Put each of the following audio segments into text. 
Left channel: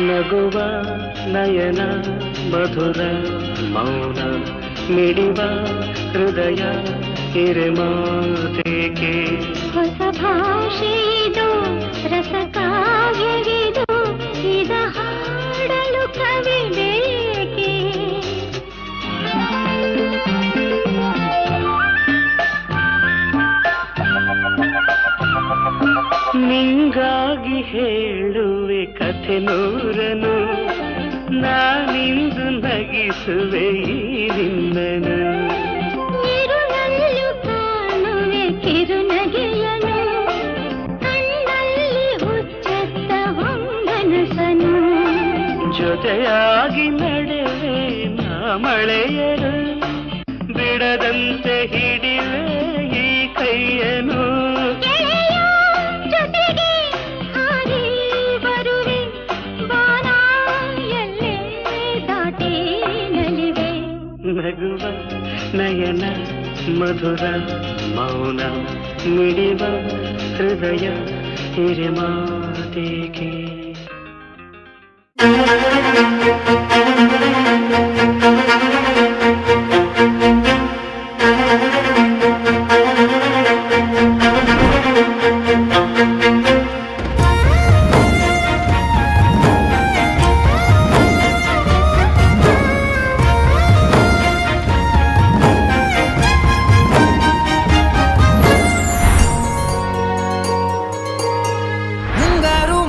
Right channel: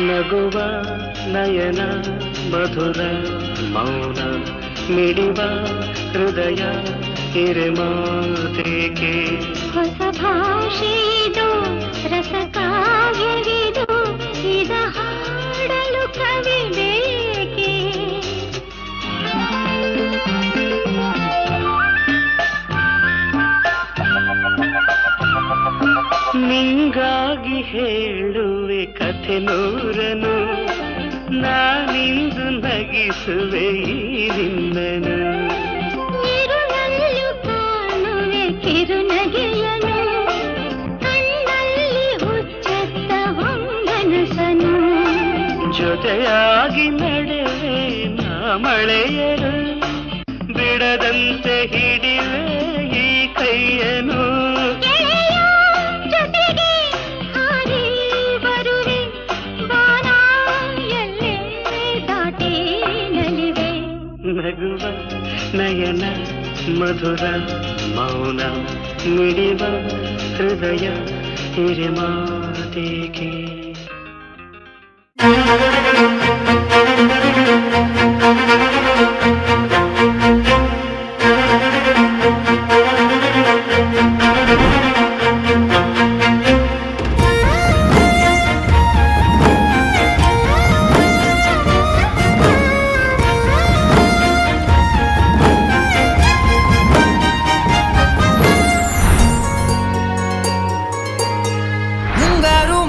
ನಗುವ ನಯನ ಮಧುರ ಮೌನ ಮಿಡಿವ ಹೃದಯ ಹಿರೆಮಾತೇಕೆ ಹೊಸ ಭಾಷೆಯಿದು ರಸಕಾವ್ಯವಿದು ಇದ ಹಾಡಲು ಕವಿ ಬೇಕೆ ನಿಂಗಾಗಿ ಹೇಳುವೆ ಕಥೆ ನೂರನು ನಾನಿಂದು ನಗಿಸುವೆ ಈ ನಿನ್ನನು ಇರುಳಲ್ಲೂ ಕಾಣುವೆ ಕಿರುನಗೆಯನು ಕಣ್ಣಲ್ಲಿ ಹುಚ್ಚೆತ್ತ ಹೊಂಗನಸನು ಜೊತೆಯಾಗಿ ನಡೆವೆ ನಾ ಮಳೆಯರು ಬಿಡದಂತೆ ಹಿಡಿವೆ ಈ ಕೈಯನು ನಗುವ ನಯನ ಮಧುರ ಮೌನ ಮಿಡಿವ ಹೃದಯ ಹಿರಿಮಾತೇಕೆ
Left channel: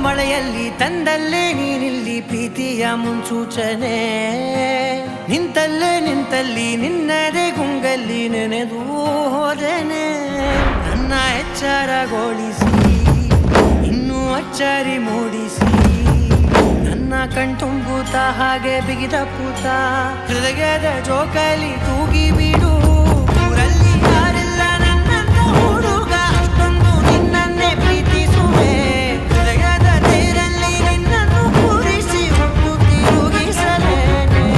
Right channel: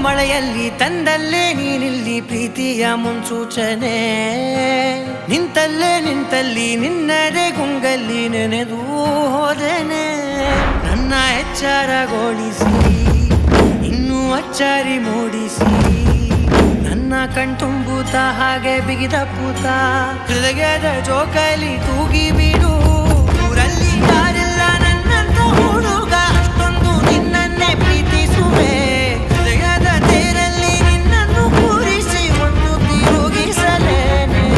ಮಳೆಯಲ್ಲಿ ತಂದಲ್ಲೇ ನೀನಿಲ್ಲಿ ಪ್ರೀತಿಯ ಮುನ್ಸೂಚನೆ ನಿಂತಲ್ಲಿ ನಿನ್ನದೇ ಗುಂಗಲ್ಲಿ ನೆನೆದು ಹೋದನೆ ನನ್ನ ಎಚ್ಚರಗೊಳಿಸಿ ಇನ್ನೂ ಅಚ್ಚರಿ ಮೂಡಿಸಿ ನನ್ನ ಕಣ್ತುಂಬುತ್ತ ಹಾಗೆ ಬಿಗಿದ ಪೂತ ಹೃದಯದ ಜೋಕಾಲಿ ತೂಗಿ ಬಿಡು ಊರಲ್ಲಿ ಯಾರಿಲ್ಲ ನನ್ನಂತ ಹುಡುಗ ಅಷ್ಟೊಂದು ನಿನ್ನನ್ನೇ ಪ್ರೀತಿಸುವೆ ಹೃದಯದ ತೇರಲ್ಲಿ ನಿನ್ನನ್ನು ಕೂರಿಸಿ ಹೊತ್ತು ತಿರುಗಿಸಲೇನೆ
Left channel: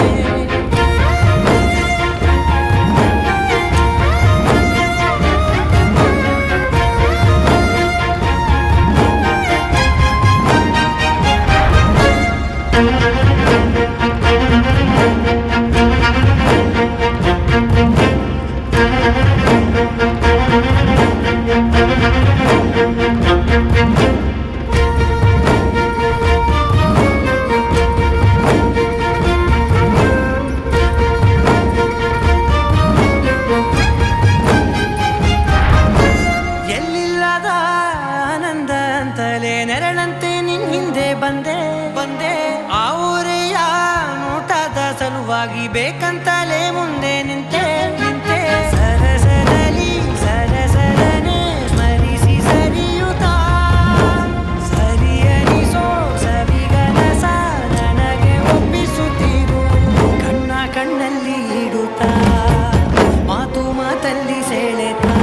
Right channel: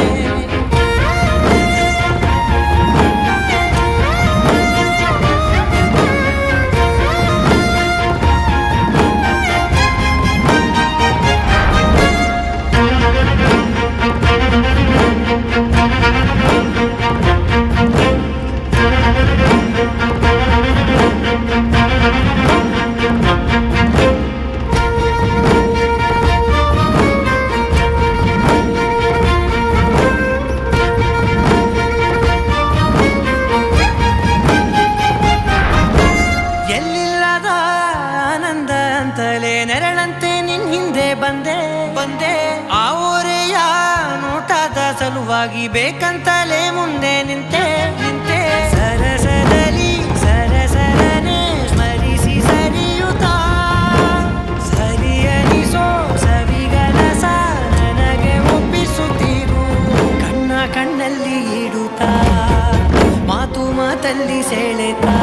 ಎಲ್ಲಿಲ್ಲದ ಆನಂದ ಅಂತಲೇ ನೆರಳಂತೆ ನಿನ್ ಹಿಂದೆ ಬಂದೆ ಆ ಊರೆಯ ನೋಟದ ಸಲುವಾಗಿ ಬೇಕಂತಲೇ ಮುಂದೆ ನಿಂತೆ ಸರಸದಲ್ಲಿ ಸರಸರನೆ ಸ್ಮರಿಸಿ ಸರಿಯುತ್ತಾ ಸರಿಯನಿಸೋ ಸವಿಗನಸ ನನಗೆ ಒಪ್ಪಿಸುತ್ತೀರು ಕಣ್ಣಲ್ಲಿ ಇಡುತ್ತಾ ಮಾತಲ್ಲಿ ಸೆಳೆತಾ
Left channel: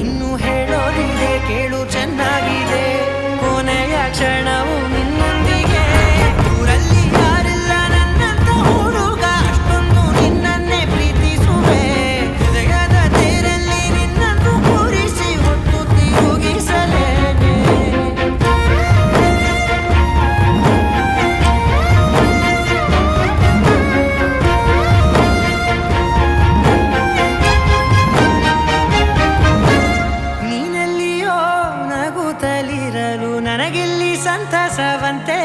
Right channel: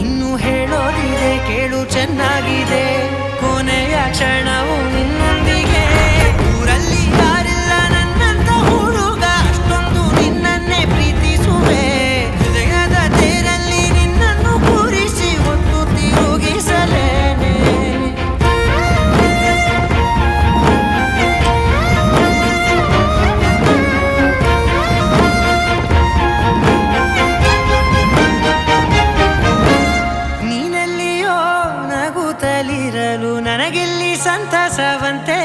ಇನ್ನು ಹೇಳೋದಿದೆ ಕೇಳು ಚೆನ್ನಾಗಿದೆ ಕೊನೆಯ ಕ್ಷಣವು ನಿನ್ನೊಂದಿಗೆ ಊರಲ್ಲಿ ಯಾರಿಲ್ಲ ನನ್ನಂತ ಹುಡುಗ ಅಷ್ಟೊಂದು ನಿನ್ನನ್ನೇ ಪ್ರೀತಿಸುವೆ ಹೃದಯದ ತೇರಲ್ಲಿ ನಿನ್ನನ್ನು ಕೂರಿಸಿ ಹೊತ್ತು ತಿರುಗಿಸಲೇನೆ ನಗುತ್ತಲಿರಲು ನನಗಿಲ್ಲಿ ಸಂತಸವಂತೆ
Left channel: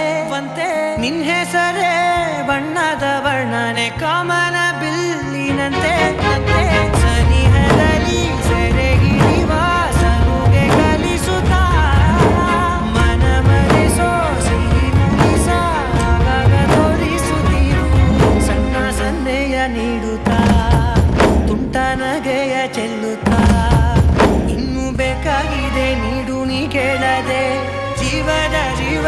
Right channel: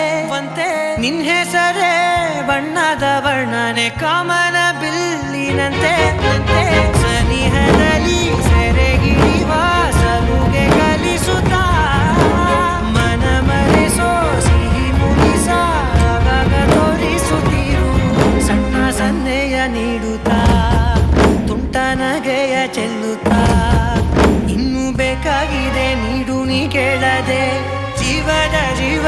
ನಿನ್ ಹೆಸರೇ ಬಣ್ಣದ ವರ್ಣನೆ ಕಾಮನ ಬಿಲ್ಲಿನಂತೆ ಸನಿಹದಲ್ಲಿ ಸೆರೆ ಹಿಡಿಯುವ ಸಲುಗೆ ಕಲಿಸುತ್ತಾ ಮನ ಮರೆಸೋ ಸಿಹಿ ಮುನಿಸ ಆಗಾಗ ತೋರಿಸುತ್ತೀರು ಸಣ್ಣ ಸನ್ನೆಯ ನೀಡುತ್ತಾ ತುಂಟ ನಗೆಯ ಚೆಲ್ಲುತ್ತಾ ಇನ್ನು ಬೇಕಾಗಿದೆ ನೀಡು ನೀ ಕೇಳದೆ ಜೀವದ ಜೀವ